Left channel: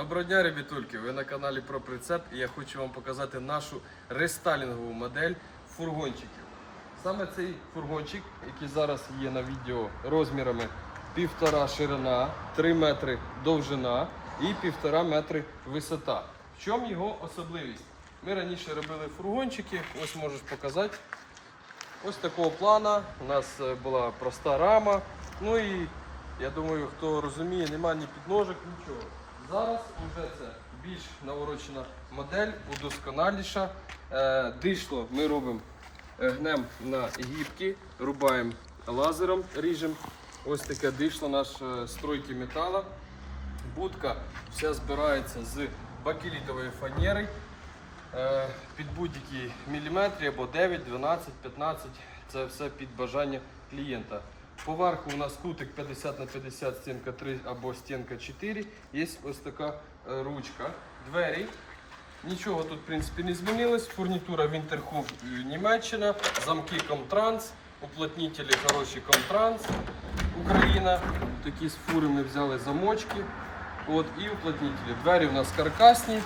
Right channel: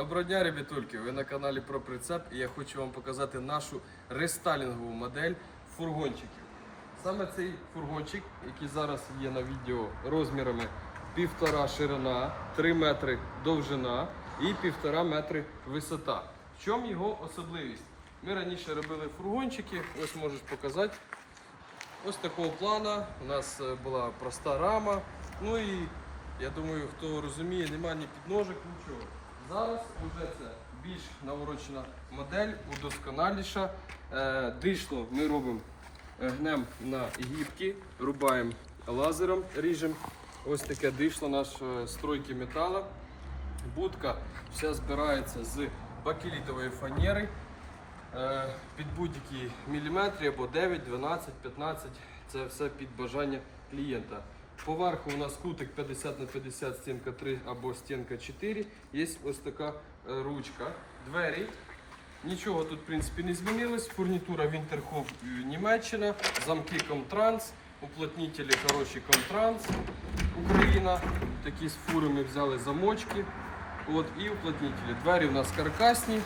Доброго дня, ребятульки! Ви на каналі про прицеп і я хочу вам показати нашу рестайлінгову модель фургончиків. Саме цей фургончик, який зараз є на відео розмірами 1,5 ширина, 3 метри довжина і 1,5 метри висота. В чому його особливість? Ми раніше робили фургончики, ось можеш показати. Ось такого плана. У нас е, була проста рама. Ну і я думаю, хто розуміє, немає ні підножок, нічого. Зараз вже це більш наворочена модель, удосконаліша. Е, дишло ми робимо е, гнем на гібки, рубаємо лазером, ріжемо. Ось таке дишло наш е, стройки метала. Будка вся збирається з бакелітової фанери. Під будь-які міліметри або 9, 12, 15. Це все під бажання клієнта. Поверху у нас кутик 50 на 50, стінка 3 або стінка 4. Є ось така е, ручка. Двері. Нічого тут в принципі не змінилось. Фурнітура Winterhof е, Німеччина, замки Comtrans, уплотнителі хороші Comtrans, Україна. Такі з фури ми взяли замочки. От, і уплотнителі. Двері у нас каркасні,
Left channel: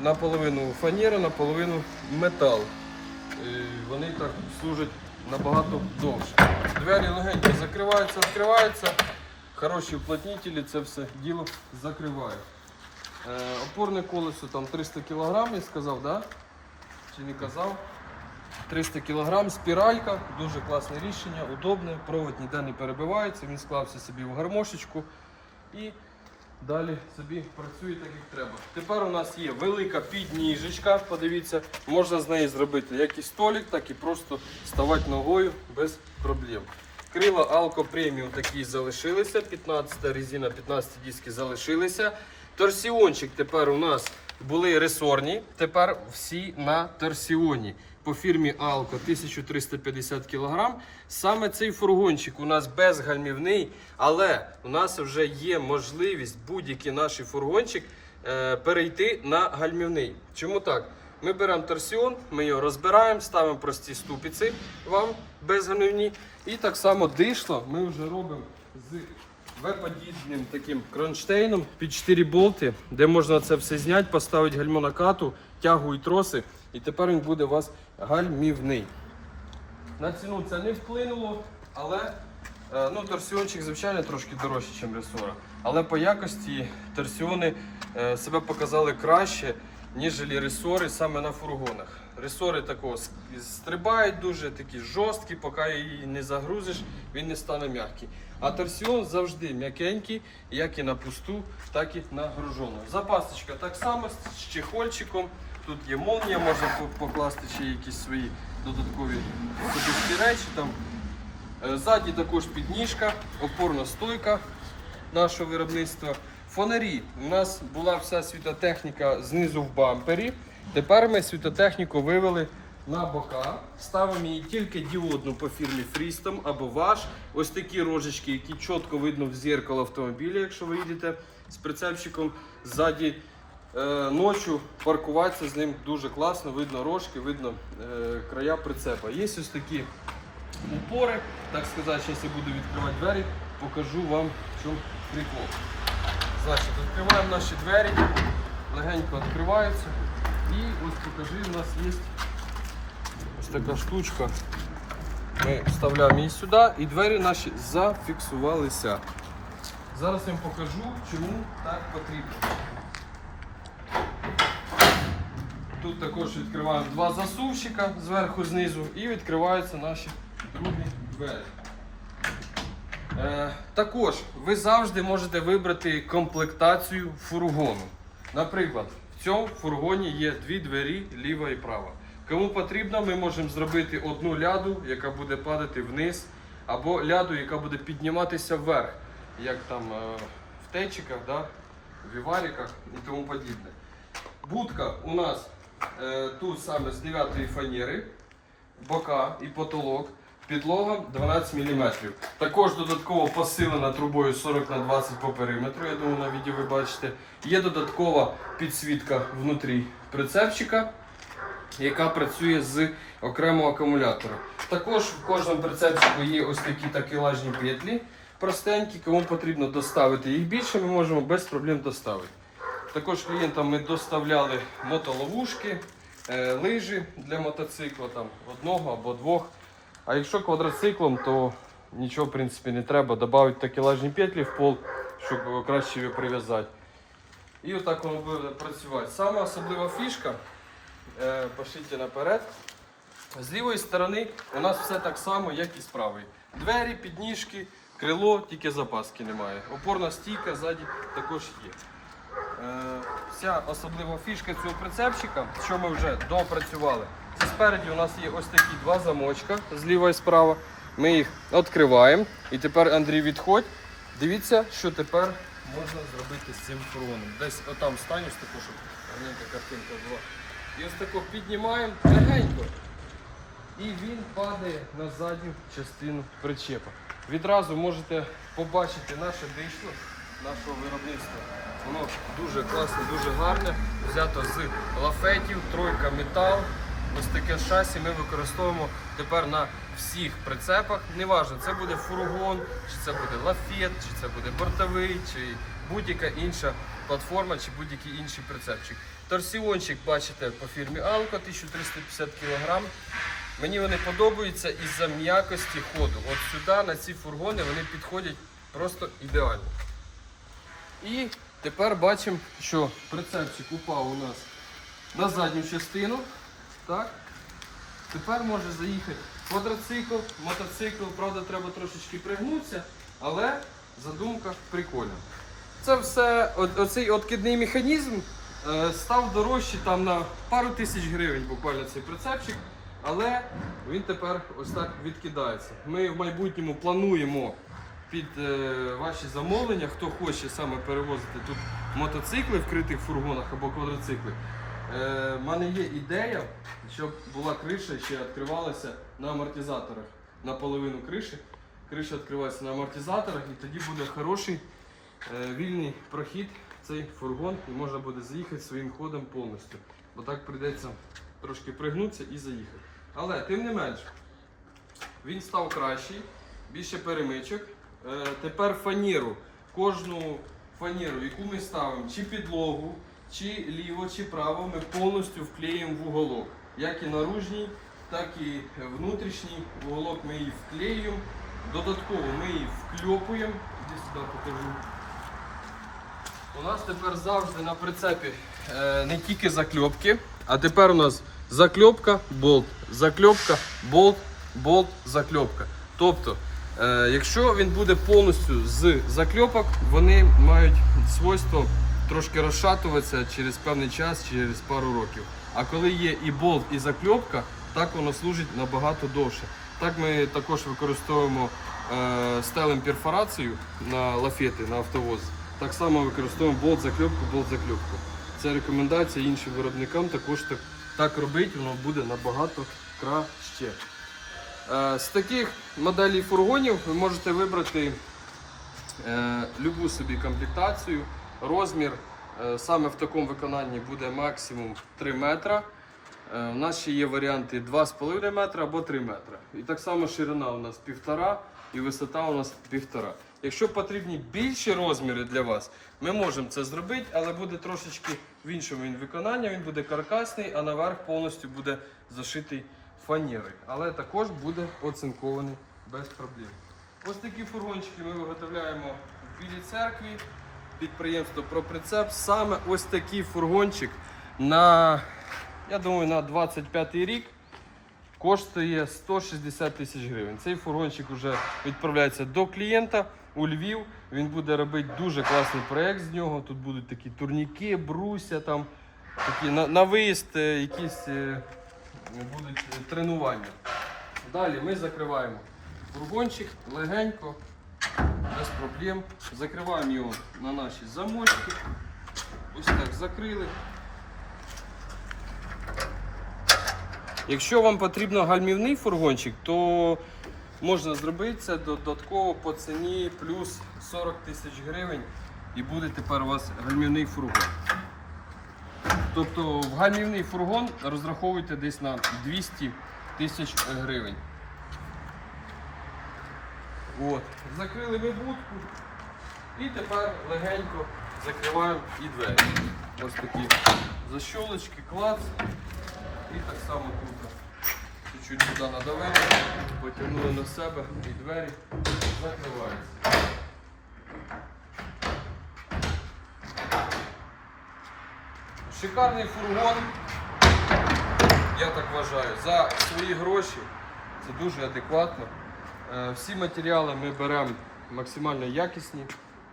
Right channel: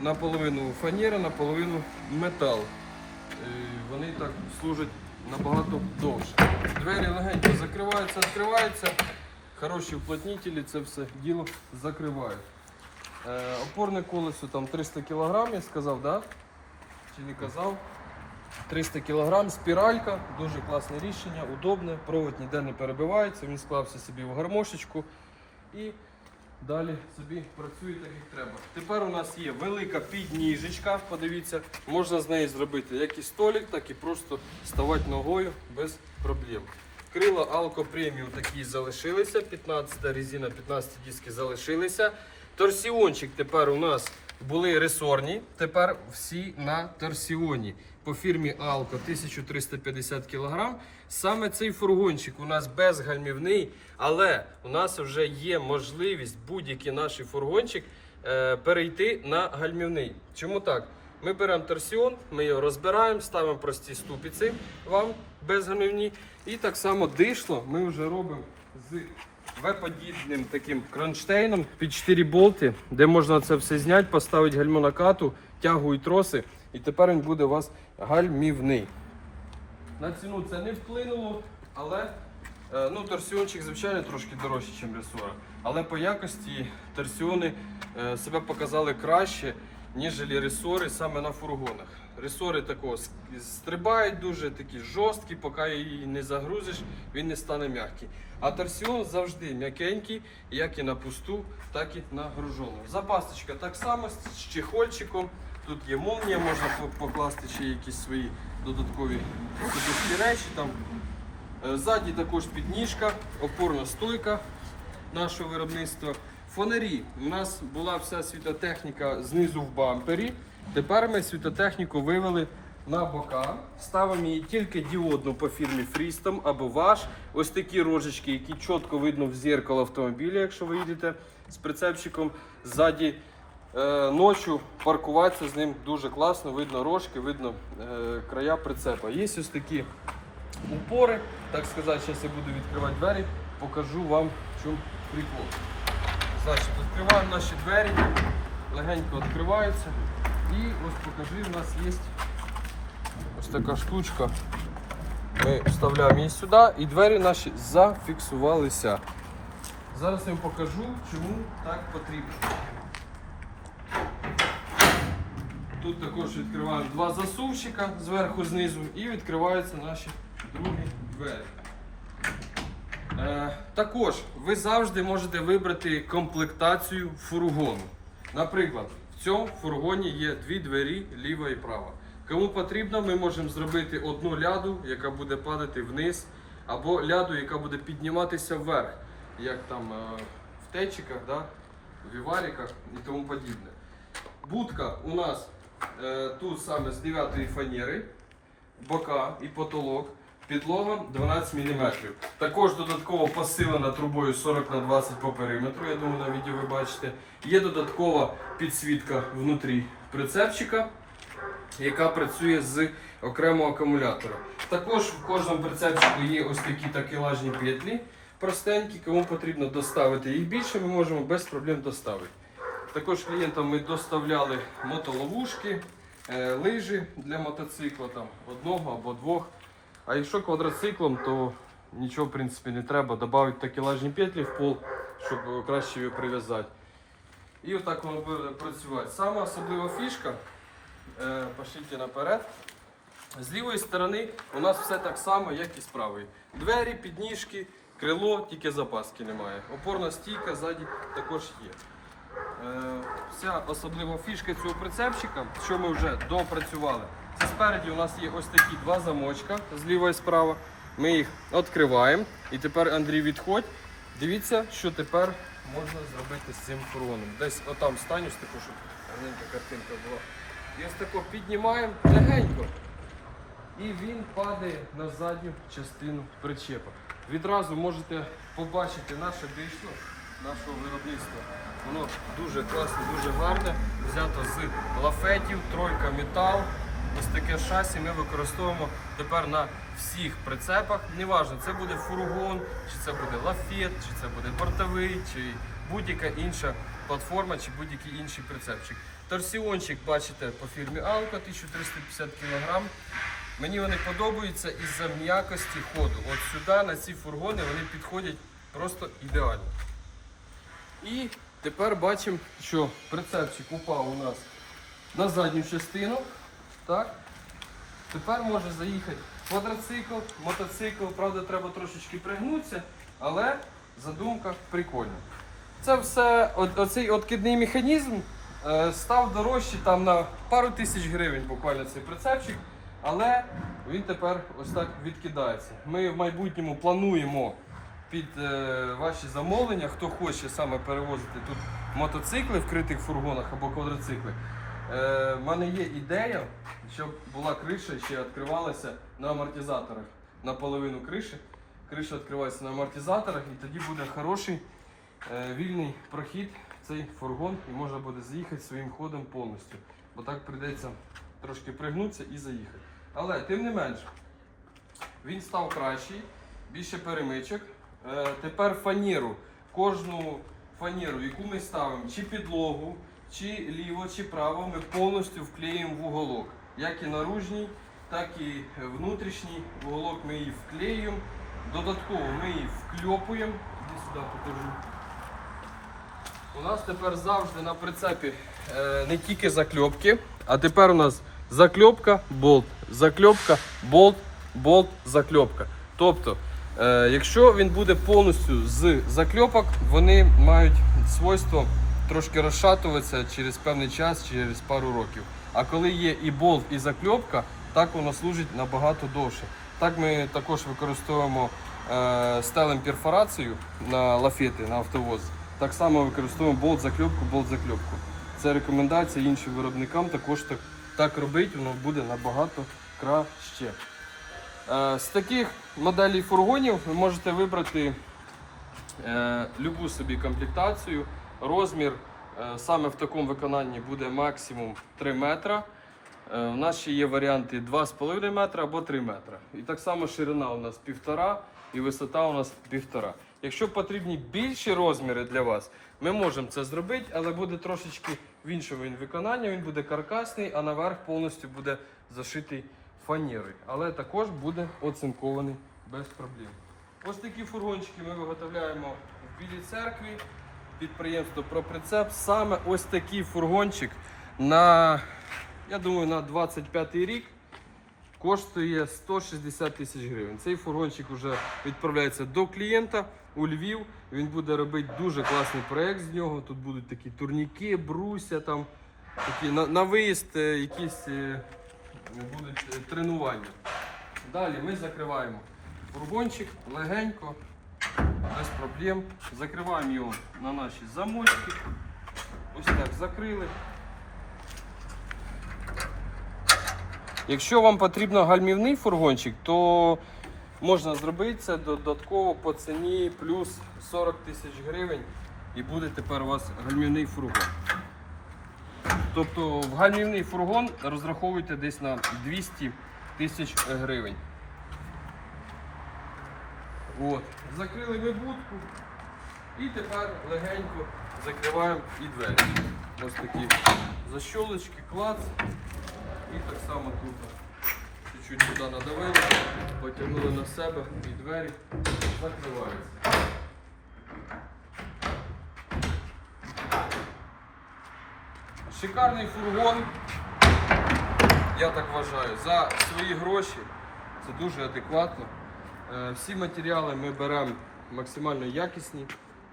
наполовину фанера, наполовину метал. Е, Вони так служать набагато довше. Двері легенько закриваються, відкриваються. Хороші уплотнителі це все діло закривають. Е, Опорне колесо там 300 кг, я сказав, да? Чи не казав? 300 кг, спіралька, дуже класне рішення, удобне, провод ніде не перебивається, він склався собі в гармошечку і далі собі працює так, як треба. Тепер у нас є велика підніжечка, подивіться, можна з неї зробити як і столик, так і просто ставати ногою без проблем. Крила Alco Premium такі залишилися, 15 резина, 15 диски залишилися. Торсіончик тепер у нас були ресорні, тепер всі на торсіоні. По фірмі Alco 1350 кг. Саме цей фургончик у нас безгальмівний, але у нас вже є можливість будь-який наш фургончик е, перейти на гальмівний. Чому так? Ми беремо торсіон, ми його розбираємо, ставимо прості ступиці вам безгальмівні. І так само дишло ми вже робимо з V-подібним таким кронштейном під 4 болти, де можна це все зняти, поставити гальмонокату, тягу і троси. І тепер він буде у вас гальмівний. На ціну це не вплинуло, але е, ну, торсіончик, звичайно, трошки дорожче, ніж ресора. Але по якості торсіони е, себе показали краще, ніж ресори саме на фургонах. Ресори такого стрибають дуже такі жорсткі, поки її не загрузиш, він не стане м'який. А торсіон завжди м'якенький, як і на пусту, так і на гружену. Запасочка так само з чехольчиком. Тут є молнія, можна покласти ще якісь свої додаткові речі. Там. Е, Ззаді також підніжка, опорна стойка нашого виробництва. Фонарі. У нас була вся світотехніка знизу в бампері. Тепер ми світотехніку вивели на бока. Ставимо її тільки діодну по фірмі Freestom або ваш. Ось такі рожечки, які чітко видно в зеркало автомобіля, якщо ви їдете з прицепчиком ззаді. Е, ночі паркуватися з ним дуже класно, видно рожки, видно е, края прицепа. Є ось такі упори, так сказати, зараз я буду відкривати двері, покажу вам в чому прикол. Значить, відкриваємо наші двері, легенько відкриваються. І ось покажи, у нас є ось така штучка. Ми вставляємо її сюди і двері наші зафіксувалися. Зараз я вам покажу, чому так потрібно. Тут також відкриваємо два засувщика зверху знизу і відкриваються наші другі двері. Е, також ви завжди можете вибрати комплектацію фургону. Наприклад, в цьому фургоні є дві двері ліва і права. Кому потрібно, ми можемо зробити одну ляду, яка буде падати вниз, або ляду, яка буде підніматися вверх, як там е, в течиках, да, в вівариках і тому подібне. Будка у нас е, тут саме з 9 фанери, бока і потолок. Підлога 12 мм. Також додатково посилена трубою 40 на 20 по периметру. Я думаю, на відео ви бачите. Є додаткова підсвітка внутрі прицепчика, яка працює з окремого акумулятора. Також в кожному прицепчику є ось такі такелажні петлі простенькі. Кому потрібно доставити їх більше, ми можемо без проблем доставити. Також клієнтам ми доставляли мотоловушки, е, лижі для мотоцикла, там, одного або двох. А якщо квадроциклом, то нічого в принципі не треба. Додати такелажні петлі в пол, щоб краще його прив'язати. І отак воно буде працювати. Саме особлива фішка, е, пошліть наперед. З лівої сторони у нас все так само, як і з правої. Двері, підніжки, крило, тільки запаски немає. Опорна стійка ззаді також є. Е, Вся особлива фішка цього прицепчика, що ми вже допрацювали. Спереді у нас є ось такі два замочка зліва і справа. Ми їх відкриваємо. І тепер Андрій відходь. Дивіться, що тепер можна зробити з цим фургоном. Десь отам станю, таку, щоб гарненька картинка була. І ось тако піднімаємо легенько. І він падає на задню частину причепа. Відразу можете побачити наше дишло нашого виробництва. Воно дуже класне, дуже гарне. Взято з лафетів, тройка метал. Ось таке шасі ми використовуємо тепер на всіх прицепах. Неважно, це буде фургон, чи це буде лафет, чи це буде бортовий, чи будь-яка інша платформа, чи будь-який інший прицепчик. Торсіончик бачите по фірмі Алка 1350 кг. Мені вони подобаються із-за м'якості ходу. От сюди на ці фургони вони підходять просто ідеально. І тепер бачимо, що прицепчик упав у нас на задню частину. Так? Тепер може заїхати квадроцикл, мотоцикл, правда, треба трошечки пригнутися, але задумка прикольна. Це все, оцей откидний механізм е, став дорожчий там на пару тисяч гривень буквально цей прицепчик, але він тепер ось так відкидається. Ми в майбутньому плануємо під е, ваші замовлення, хто хоче саме перевозити тут мотоцикли в критих фургонах або квадроцикли. Е, мене є ідея, щоб була криша ще відкривалася на амортизаторах. Наполовину криші. Криша відкривається на амортизаторах і тоді буде хороший е, вільний прохід в цей фургон і можна буде заїхати своїм ходом повністю. Бо так прийдеться трошки пригнутися і заїхати. Але тим не менш, він став кращий, більше перемичок. Е, тепер фанеру. Кожну фанеру, яку ми ставимо, чи підлогу, чи ліво, чи право, ми повністю вклеїмо в уголок. Як і наружній, так і внутрішній уголок ми її вклеюємо. Додатково ми її вкльопуємо. Іди сюди покажу. У нас тепер завжди на прицепі е, не тільки закльопки, а тепер у нас закльопка, болт, закльопка, болт, болт, закльопка. Тобто, е, якщо він буде повністю з закльопок, вони мають свойство трошки розшатуватися через певний час, через пару років. А коли є і болт, і закльопка, так воно служить набагато довше. Так ми також використовуємо е, стелем перфорацію на лафети, на автовоз. Так само використовуємо болт закльопку, болт закльопку. Це рекомендація іншим виробникам також так, так робити, воно буде набагато краще. Е, з таких моделей фургонів ви можете вибрати е, любу собі комплектацію. Розмір е, саме в такому виконанні буде максимум 3 метра. Е, У нас ще є варіанти 2,5 метра або 3 метра. І так само ширина у нас 1,5 і висота у нас 1,5. Якщо потрібні більші розміри для вас, ми можемо це зробити, але буде трошечки в іншому він виконанні. Він буде каркасний, а наверх повністю буде зашитий фанерою. Але також буде оцинкований без проблем. Ось такі фургончики ми виготовляємо в Білій церкві. Підприємство «Проприцеп». Саме ось такий фургончик на, я думаю, на 25 рік коштує 160 тисяч гривень. Цей фургончик вже відправляється до клієнта у Львів. Він буде робити дуже класний проєкт з нього. Тут будуть такі турніки, бруся, там, такі на, на виїзд, е, якісь е, будуть е, тренування. Далі ми закриваємо фургончик легенько, без проблем. Закриваємо його на наші замочки. Ось так закрили. Якщо вам потрібно гальмівний фургончик, то можна зробити це додатково по ціні плюс 40 тисяч гривень і буде тепер у вас гальмівний фургон. Тобто в гальмівний фургон розраховуйте десь на 200 тисяч гривень. От. Закрили ми будку і тепер легенько закриваємо і двері. ось такі защолочки, клац. І так само тут. Чуть-чуть туди надавили, потягнули на себе і двері закриваються. Шикарний фургон, я так вважаю, за свої гроші. Це дуже адекватно. Е, Всі матеріали ми беремо максимально якісні,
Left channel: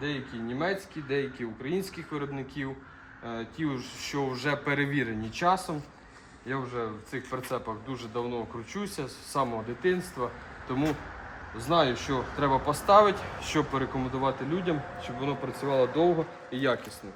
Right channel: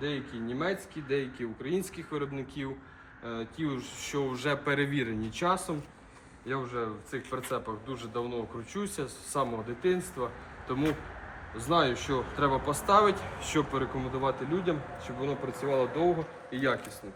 деякі німецькі, деякі українських виробників, е, ті, що вже перевірені часом. Я вже в цих прицепах дуже давно кручуся з самого дитинства, тому знаю, що треба поставити, що порекомендувати людям, щоб воно працювало довго і якісно.